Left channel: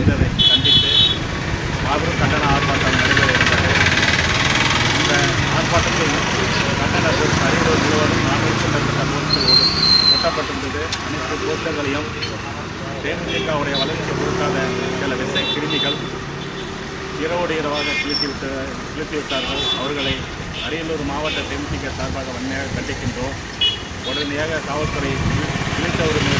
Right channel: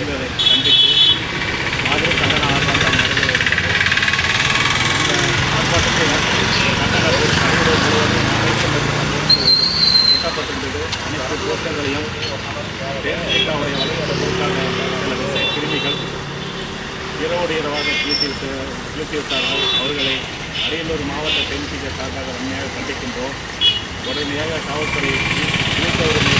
இருந்ததை கண்டித்து மாபெரும் கண்டன ஆர்ப்பாட்டம் நடைபெற இருந்தது இந்த ஆர்ப்பாட்டத்தில் கண்டன போஸ்ட் அரியலூர் முழுவதும் நானூறுக்கும் மேற்பட்ட போஸ்டுகளோடு ஒட்டப்பட்டிருந்தது. அனைத்து கோஷங்களையும் தேமுதிகவுடைய வளர்ச்சி கொடுக்காத சில விசை கிருமிகள் இரவோடு இரவாக கிழித்துவிட்டு கிழித்துவிட்டார்கள் அவர்களை அரியலூர் மாவட்ட தேமுதிக சார்பாக வன்மையாக கண்டிக்கின்றோம். உடனடியாக காவல்துறை இழுத்தவர்கள்